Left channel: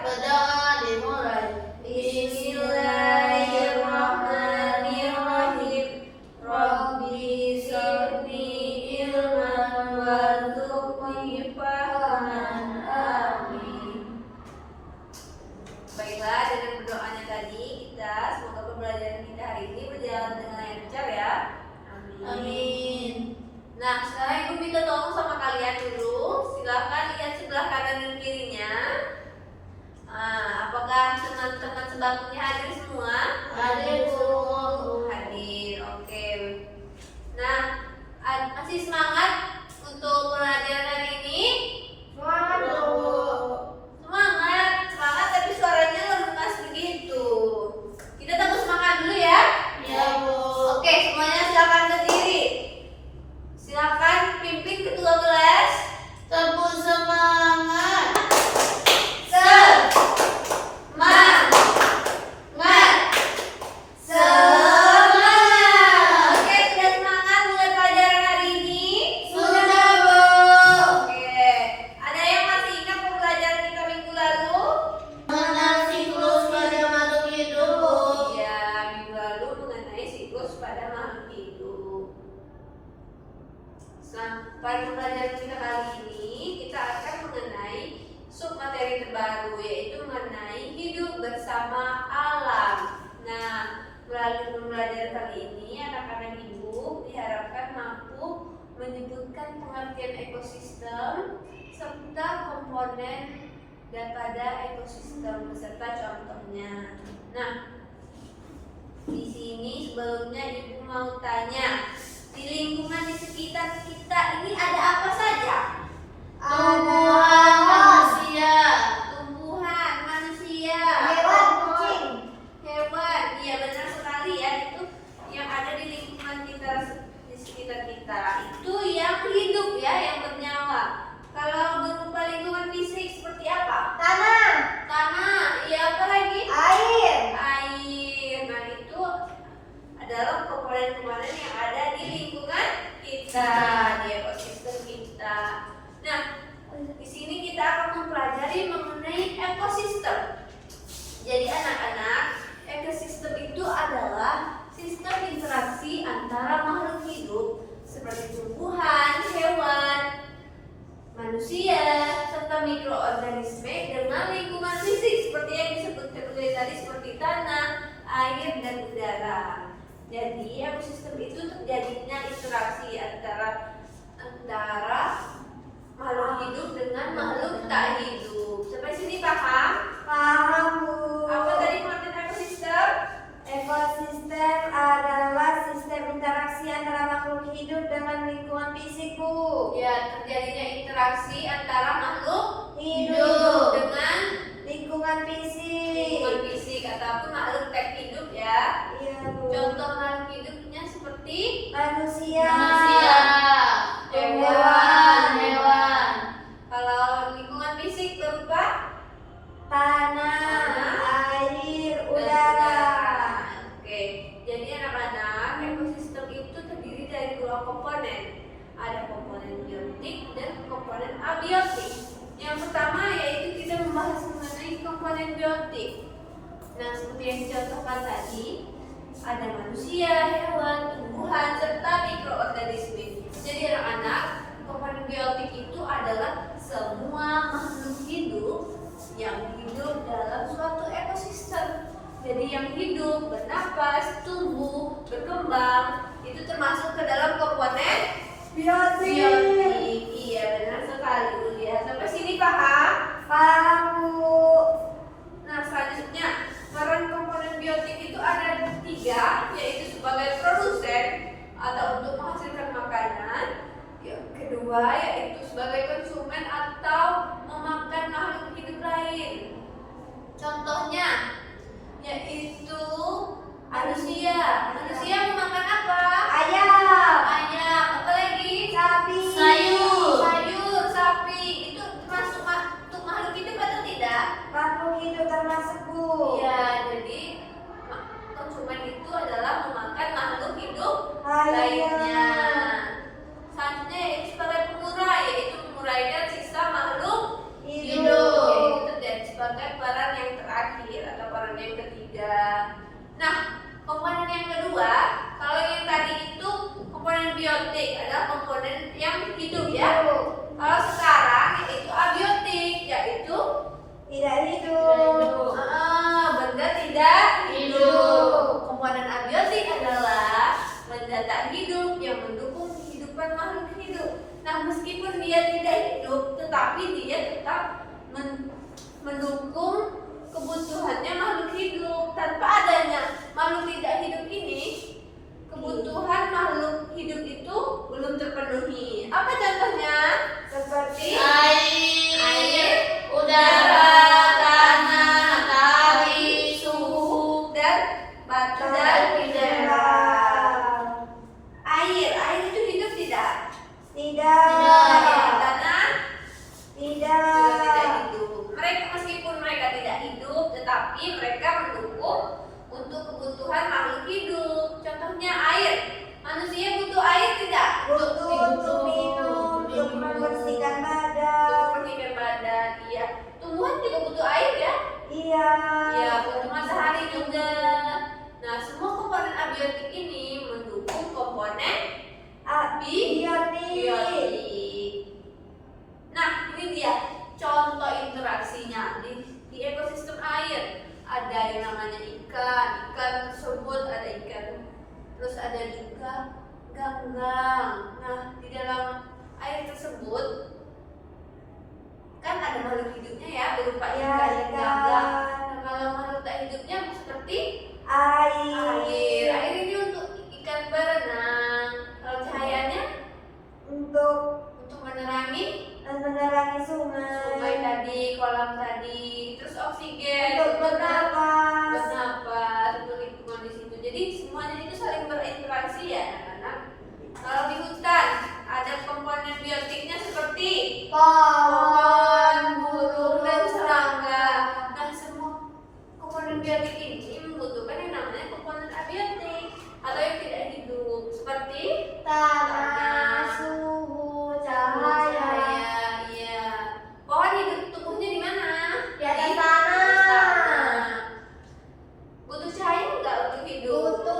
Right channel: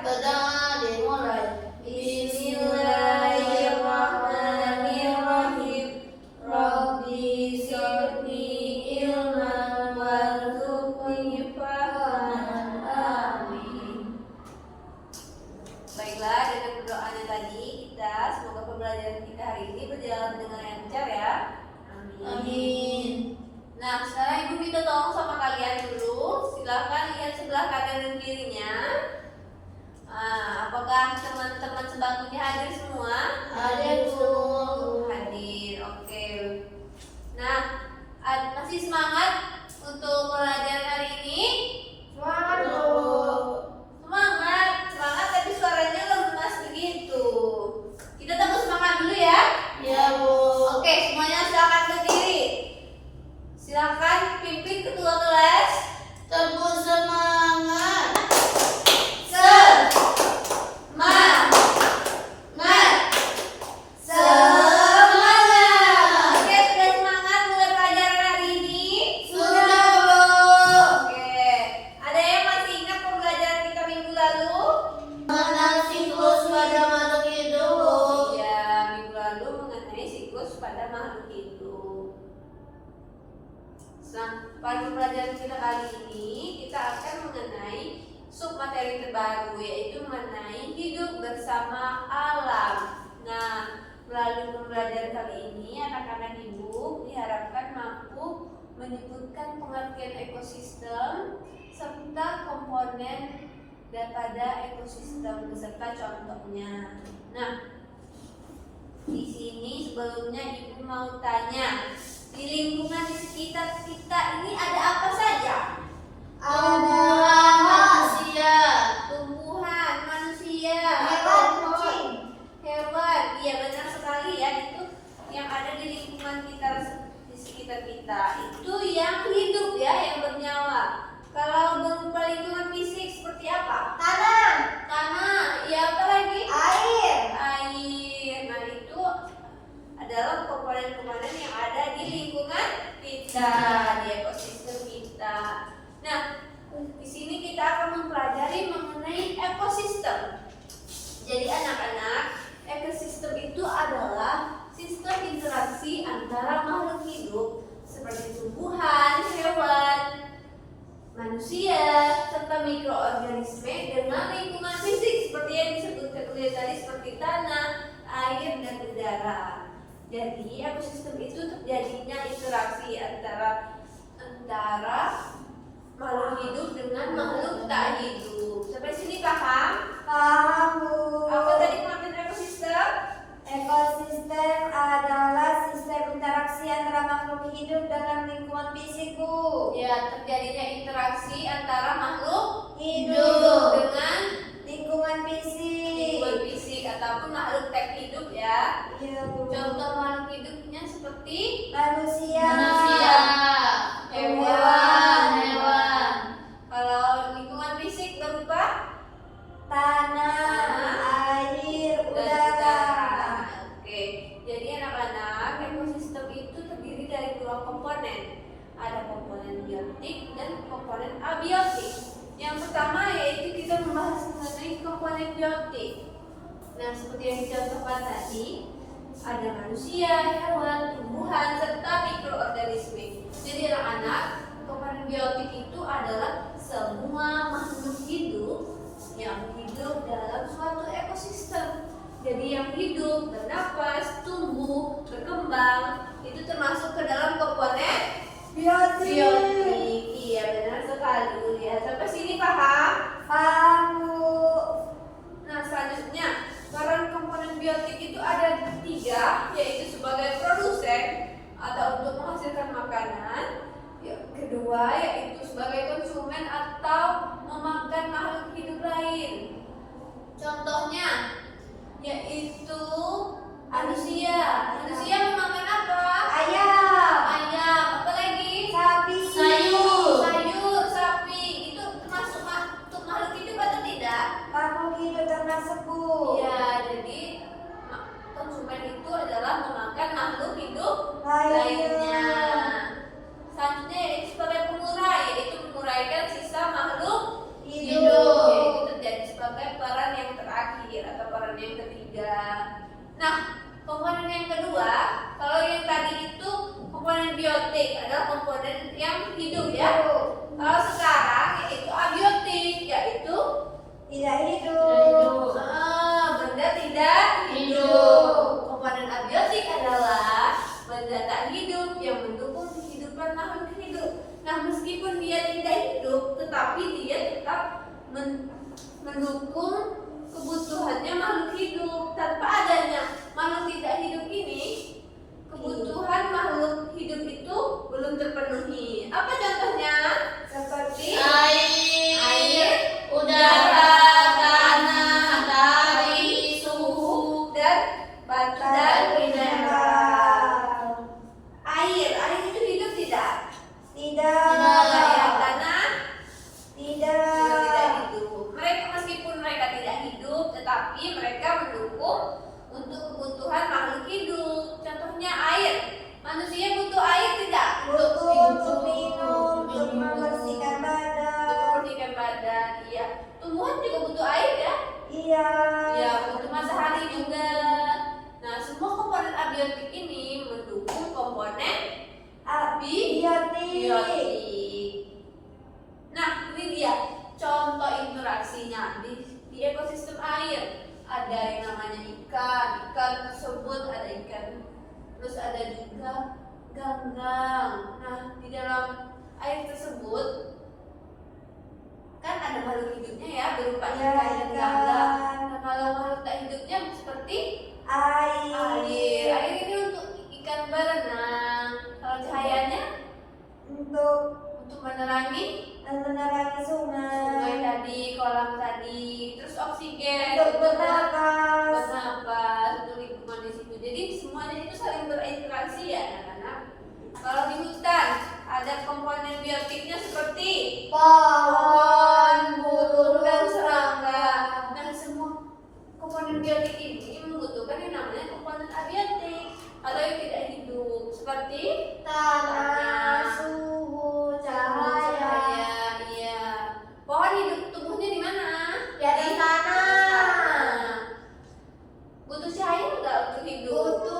Benar, dimulai. Bismillahirrahmanirrahim. Rabbi zidni ilman warzuqni fahman. Amin. Baiklah, dengan berdoanya tadi semoga pembelajaran kita hari ini berjalan dengan lancar ya. Amin. Nah, sekarang Ibu minta tolong sama kalian dulu. Silahkan lihat sebelah kanan dan kirinya. Apakah teman-teman sebangkunya hadir semua? Hadir, Bu. Hadir, oke. Nah, masih semangat untuk pelajaran hari ini? Semangat, Bu. Semangat, tapi suaranya lemas begitu. Kita tunggu semangat dulu ya. Ya, Bu. Oke, semuanya silakan berdiri. Silakan pimpin ketua kelas. Tepuk semangat. Oke, sudah semangat mulai pelajaran hari ini? Sudah, Bu. Oke, ada yang masih ingat pembelajaran kita minggu lalu? Mengenal siklus pada makhluk hidup, Bu. Ya, minggu lalu mengenai siklus pada makhluk hidup. Nah, pada pembelajaran kita kali ini kita akan mengenai submateri terbaru, yaitu mengenai hidup bersama alam. Nah, melalui pembelajaran kali ini anak-anak ibu diharapkan mampu menyebutkan pengertian ekosistem serta komponen daripada ekosistem beserta contohnya. Nah, di sini sebelumnya ibu mau tanya, di lingkungan di sekitar kita ini ada apa saja? Tumbuhan, manusia, hewan. Iya, benar sekali ya, itu yang ada di lingkungan kita, di sekitar kita. Itu yang hidup ya, yang bernyawa. Kalau berupa lingkungan fisik seperti apa? Tanah. Iya, apa lagi? Air. Nah, itu adalah komponen-komponen yang ada di lingkungan kita, di ekosistem kita. Nah, di sini kita akan mempelajari mengenai ekosistem. Jadi anak-anak, ekosistem itu adalah sistem interaksi antara makhluk hidup seperti tumbuhan, hewan, manusia, serta mikroorganisme dengan lingkungan fisik seperti yang disebutkan tadi seperti tanah, air, dan udara. Jadi ekosistem itu terjadinya interaksi antara makhluk hidup dengan makhluk tak hidup. Sampai sini paham? Paham, Bu. Apa tadi pengertian ekosistem? Ekosistem adalah sistem interaksi antara makhluk hidup dengan lingkungan fisik, Bu. Ya, terjadinya interaksi antara makhluk Hidup dengan lingkungan fisik. lingkungan fisik ataupun makhluk tak hidup ya. Iya, Bu. Contoh makhluk hidupnya seperti Manusia. Hewan. kalau lingkungan fisik berupa Tanah, air, dan udara. Oke, jadi anak-anak, ekosistem itu terdiri dari dua komponen. Ada komponen biotik dan komponen abiotik. Yang pertama yaitu kita membahas mengenai komponen biotik. Nah, seperti yang dicontohkan tadi, ada manusia, hewan, tumbuhan, serta mikroorganisme. Jadi anak-anak, komponen biotik itu adalah semua makhluk hidup yang hidup dalam suatu ekosistem. Jadi yang hidup, bernapas, tumbuh, berkembang, itu termasuk ke dalam komponen biotik. Iya, benar sekali ya. Sampai sini paham? Paham, Bu. Nah, selanjutnya peran komponen biotik itu ada tiga, yaitu sebagai produsen atau untuk menghasilkan makanan. Yang kedua yaitu sebagai konsumen atau memakan makhluk hidup lain. Contohnya yaitu manusia. Manusia memakan apa? Ayam. Apa lagi? Sapi. Sayur, sapi. Itu termasuk untuk makhluk hidup atau tidak? Makhluk hidup termasuk, Bu. Ya, jadi konsumen itu adalah memakan makhluk hidup Lainnya. lainnya. Selanjutnya yaitu sebagai pengurai, yaitu menguraikan sisa makhluk Hidup. yaitu terjadi sebagai peran yang terakhir atau peran yang ketiga. Nah, komponen yang kedua, kalau yang tadi itu komponen biotik adalah komponen yang hidup ya. Kalau sekarang yaitu abiotik, yaitu Tidak hidup. benda tidak hidup. Komponen abiotik adalah benda tak hidup yang mendukung kehidupan makhluk hidup. Nah, meskipun dia tidak hidup, tetapi dia tetap mendukung kebutuhannya makhluk hidup. Tanpa adanya makhluk tidak hidup ini, kebutuhan makhluk hidup itu belum terpenuhi. Apa contohnya? Seperti Air, udara, tanah, api, suhu, dan batu dan mineral. Air itu hidup tidak? Tidak. Ya, tanah Tidak. juga tidak hidup. Mereka meskipun mereka tidak hidup, tetapi mereka mendukung untuk kebutuhan makhluk hidup. Contohnya air. Manusia butuh air tidak? Butuh untuk minum, untuk minum, membersihkan untuk badan. membersihkan badan. Iya. Tumbuhan juga butuh air ya? Iya. Ya, butuh matahari juga. Nah, semua komponen abiotik ini mendukung komponen Biotik. biotik. Nah, ini dia contoh interaksinya di ekosistem air. Ada yang namanya ikan tersebut ada ikan. Terus ada juga ganggang. Nah, di dalam air tersebut kan ada makhluk hidupnya ya, berupa Ya, ikan dan ikan. ganggang. Nah, kalau makhluk tak hidupnya seperti Air. Air ini untuk ikan berenang. Kalau cahayanya Untuk menerangi menerangi sungai sungai. tadi, kolam tadi. Terus oksigen Untuk bernapas. untuk lingkungan di situ. Jadi semuanya itu saling berinteraksi ya anak-anak. Kalau di hutan ada komponen biotiknya seperti Pohon, burung dan serangga. Nah, semua komponen biotik ini membutuhkan yang namanya komponen abiotik atau yang tidak hidup seperti tanah, suhu, cahaya. Iya. Pohon hidup tumbuhnya di mana? Di atas tanah. tanah. Butuh cahaya enggak untuk hidup? Butuh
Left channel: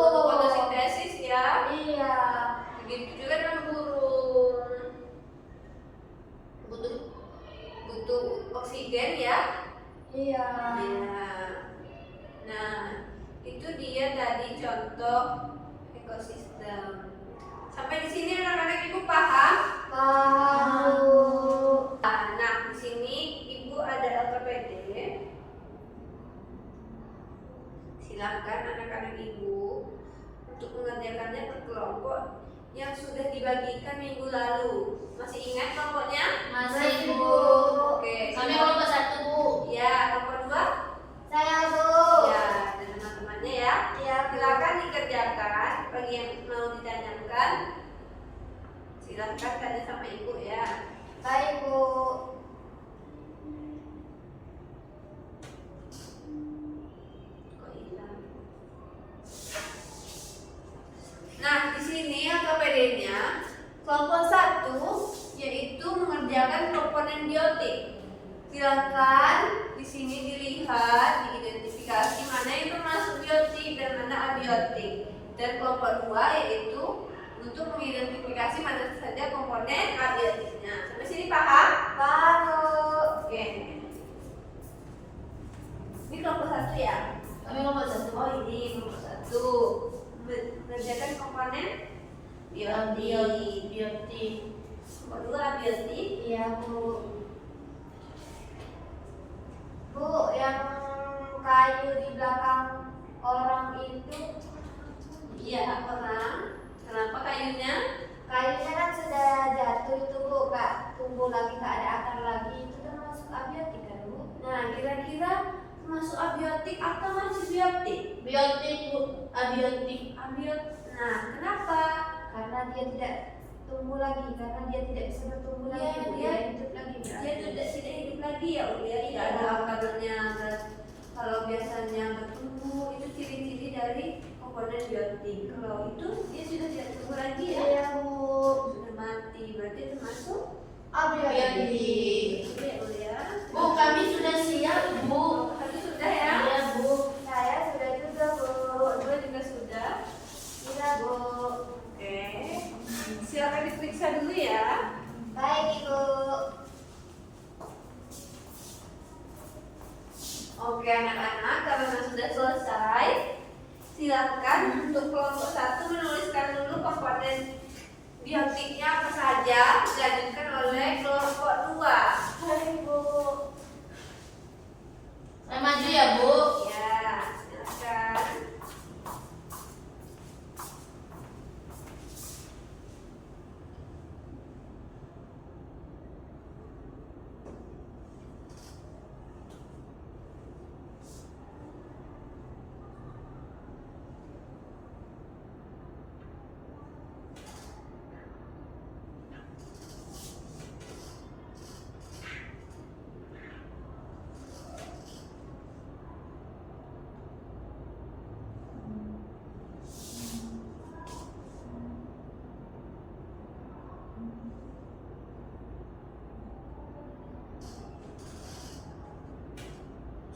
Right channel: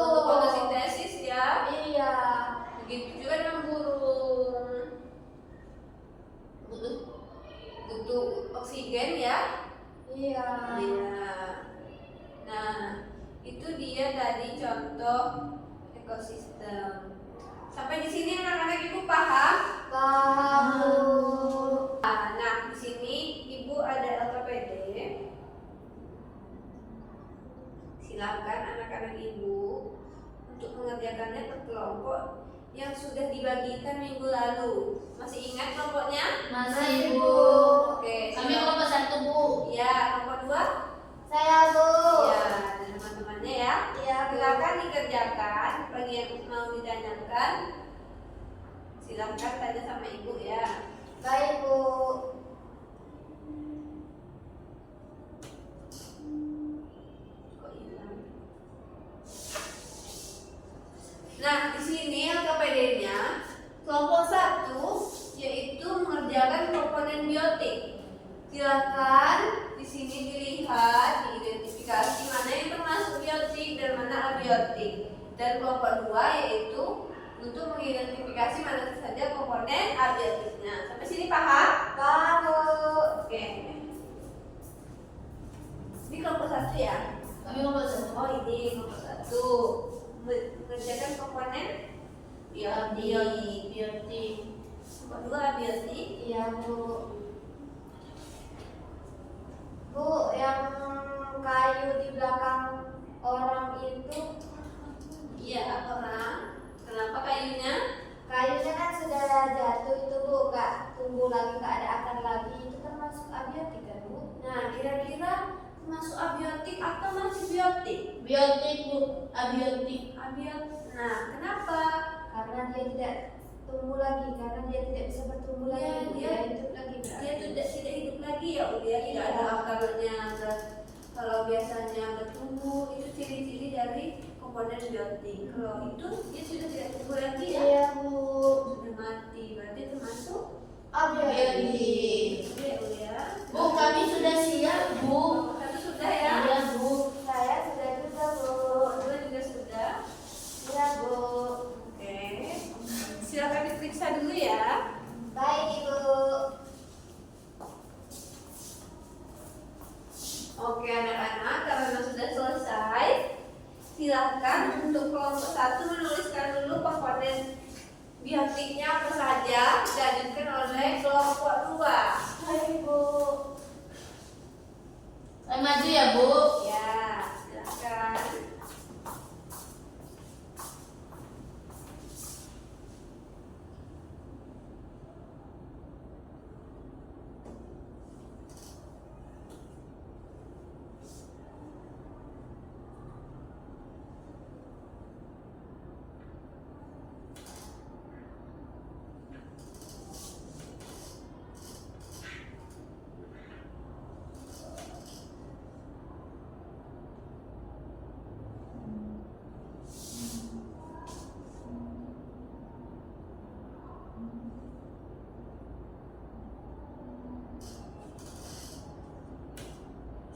untuk fotosintesis ya. Iya. Begitu juga dengan burung. Butuh oksigen ya. Iya. Iya. Nah, itu dia tadi contoh ekosistem. Sampai di sini anak-anak ibu paham? Tahu. Nah, di sini ibu ada LKPD. Silakan anak-anak ibu untuk mengerjakannya per kelompok yang sudah dibagikan minggu lalu. Masih ingat kelompoknya? Masih, Bu. Oke. Kami kelompok 1, Bu. Ya, kelompok 2? Saya Bu. Ya, dan teman-temannya ya. Iya, Bu. Silakan dikerjakan. Bagi yang mau ditanyakan, silakan tanya sama ibu ya. Baik Bu. Kok hilang? Nah, di sini LKPD-nya kelompok 1 yaitu mengerjakan komponen biotik. Silakan di sini dilihat, diidentifikasi mana yang termasuk biotik dan mana abiotik. Dan kelompok 2 yaitu untuk mengidentifikasi mana saja komponen abiotiknya. Sampai sini paham? Paham Bu. Oke. Ini kelompok 1 ya? Kami kelompok 1. Oh, ini kelompok 1 mengerjakan komponen biotik. Biotik. Kelompok 2 biotik. Iya Bu. Bu, yang kayu di belakang orang itu, Iya, orang. Kenapa kayunya? kayunya kan sudah jatuh itu Bu, Kak, tumbuh lagi, Kak, ada akar lagi, itu termasuk abiotik kan Bu? Nah, kira-kira termasuk abiotik atau masih biotik? Biotik, Bu. Abiotik. Nah, kenapa? Karena dia tidak tumbuh lagi, karena dia tidak bisa bertumbuh Iya, lagi, Bu. dia- hidup lagi. Dia tidak hidup lagi ya, Ulia. Tidak ada akarnya. Kalau biasanya bertumbuh, itu ciri-ciri dari komponen biotik. Kalau itu dia sudah tidak tumbuh lagi ya. Iya Bu. Sudah mati, berarti termasuk Abiodik. Ya, Bu ya. Bu, kami sudah siap, Bu. Satu sudah ya. Iya, Bu. Saya sudah juga, Bu. Dua juga sudah. Iya, Bu. Oke. Silakan diperiksa dulu ya. Baik, Ibu. Oke anak-anak, karena sudah selesai, silakan untuk kelompok 1 menuliskan dulu komponen biotiknya apa saja dilanjutkan oleh kelompok 2. Baik, Bu. Saya maju ya, Bu. Ya, silakan.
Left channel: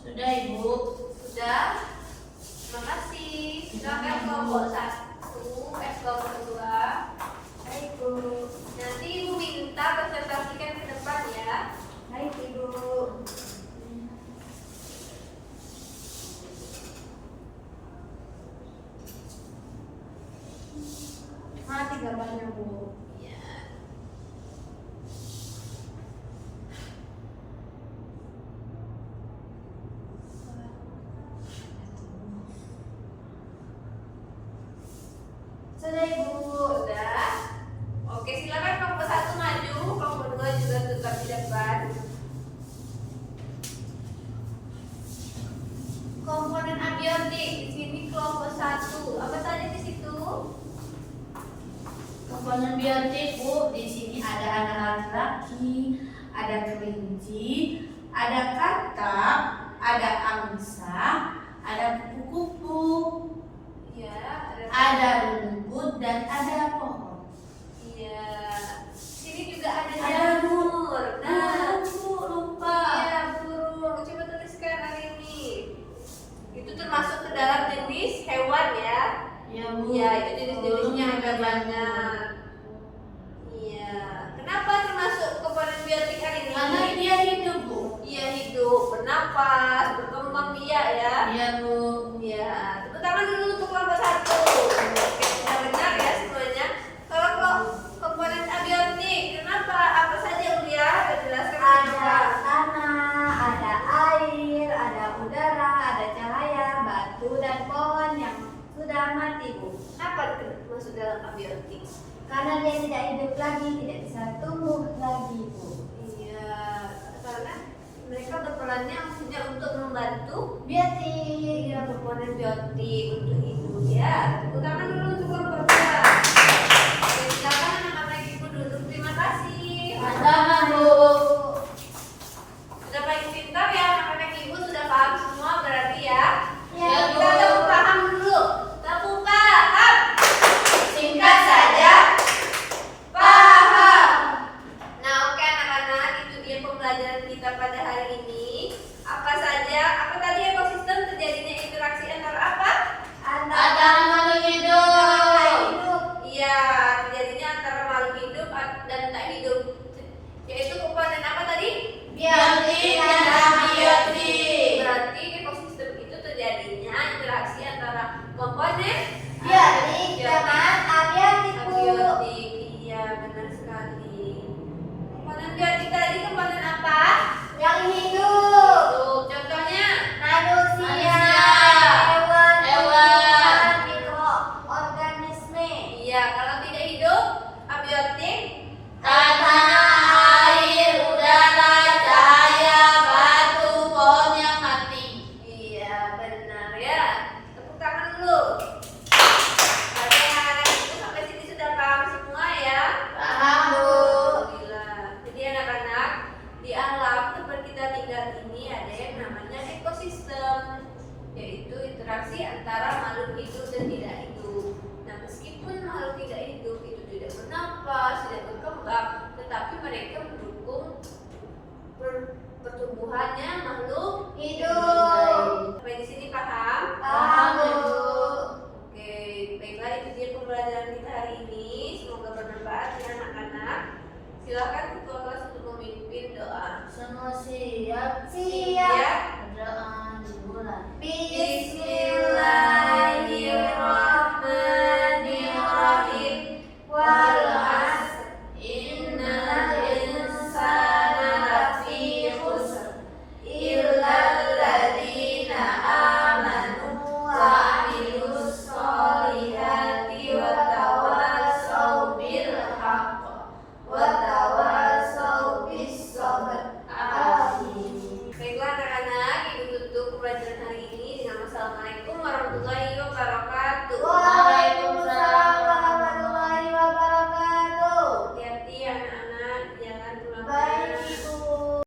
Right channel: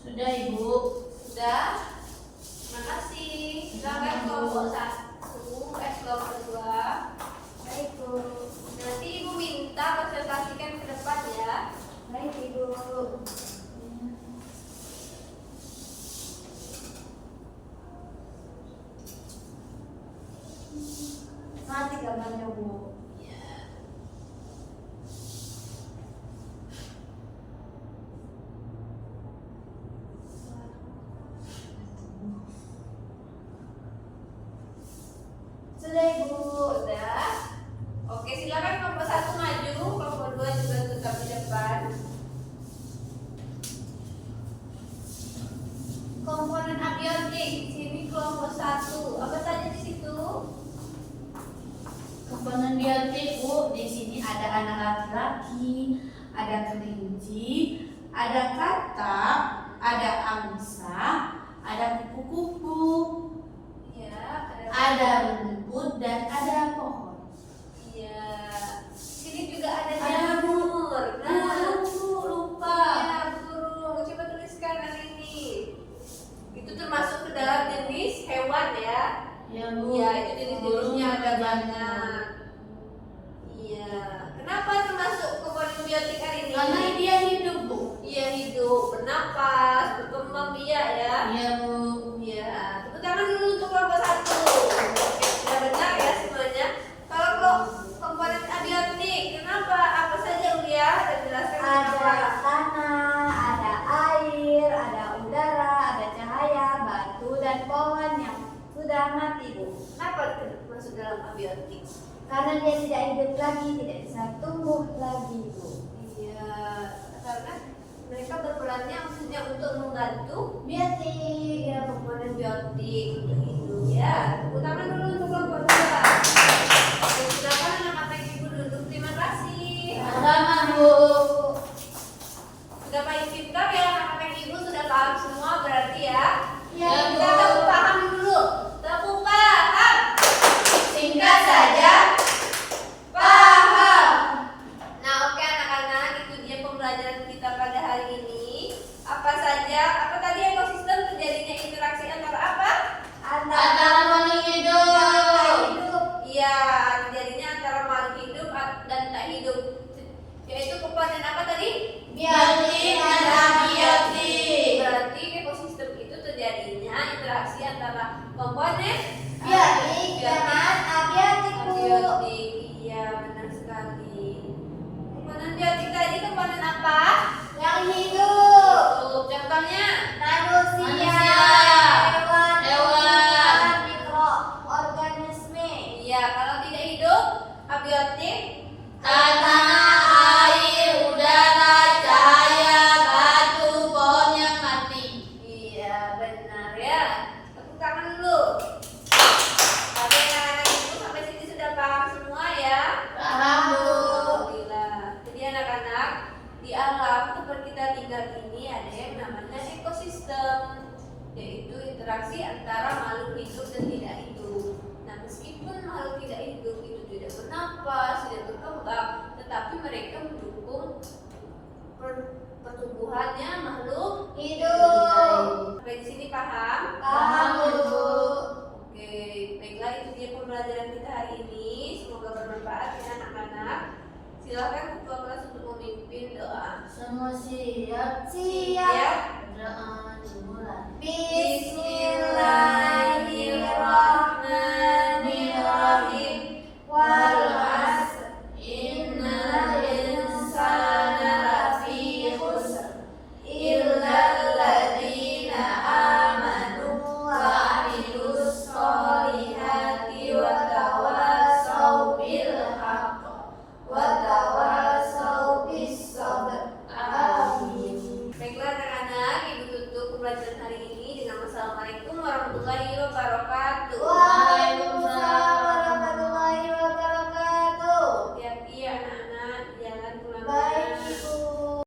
Sudah, Ibu. Sudah? Terima kasih. Silakan kelompok 1, kelompok 2. Baik, Bu. Nanti Ibu minta presentasikan ke depan ya. Baik, Ibu. Mati gambarnya, Bu. Ya. Sudah, Ibu. Sudah. Oke, silakan kelompok 1 maju, kelompok 2 juga tetap di depan. Komponen abiotik di sini kelompok 1. Apa saja di situ? Komponen biotik, Bu. Di sini ada anak laki-laki, ada kelinci, ada katak, ada angsa, ada kupu-kupu, Iya, ada rumput, dan ada pohon. Iya. Sini juga ada Ada jamur. Nah, Bu, lupa. iya, burung. Coba tuliskan hari ini. Itu termasuk ke dalam jenis hewan ya. Ya, Bu. Iya, itu jenis-jenisnya Burung ada ada banyak. Iya. Kenapa termasuk komponen biotik hari ini? Karena dia hidup, Bu. Iya, hidup, bernapas, berkembang biak ya. Iya, Bu. Iya. Tepuk tangan dulu untuk kelompok 1. Oke, sudah benar ya semuanya. Kalau komponen abiotik, kenapa? Apa saja Ulia? Jelaskan Ada kenapa. tanah, ada air, ada udara, ada cahaya, batu, dan pohon yang sudah mati, Bu. Kenapa masuk dalam abiotik? Karena dia tidak hidup lagi, tidak bisa tumbuh lagi, Bu. Iya, karena mereka berperannya maksudnya untuk membantu Biotik. iya komponen biotik untuk hidup ya. Tepuk tangan dulu untuk kelompok 2. Oke, silakan anak-anak ibu duduk. Terima kasih. Sama, Bu. Sudah paling pintar ya anak-anak ibu, sudah paham semua berarti ya. Ya, Ya, Kita Bu. tepuk paham dulu. Tepuk paham. Singkat saja. Paham. Nah, oke anak-anak, itu dia pembelajaran kita pada hari ini. Apa saja? Apa tadi ekosistem terjadinya interaksi antara apa? Antara makhluk yang hidup. tak hidup. Iya, terjadinya antara makhluk hidup dan tak hidup. Yaitu komponen apa tadi? Biotik dan abiotik. Berarti ekosistem itu terjadinya interaksi antara komponen Biotik dengan abiotik, Bu. abiotik. Iya, benar sekali. Komponen biotik tadi komponen apa? Yang hidup. Hidup. Contohnya? Manusia, Hewan. tumbuhan, mikroorganisme. Iya, kalau tidak hidup, abiotik. Tanah, air, udara, cahaya, batu, pohon yang mati. Iya, benar ya. Tepuk tangan dulu. Ada yang anak itu sampai sini sudah paham semua ya? Paham, Bu. Alhamdulillah. Jadi anak-anak, di alam tempat kita tinggal ini ada yang namanya ekosistem, yaitu interaksi antara makhluk hidup dan tidak hidup. Nah, meskipun makhluk tidak hidup itu tidak tidak bernapas, tidak berkembang, tetapi mereka mendukung pertumbuhannya makhluk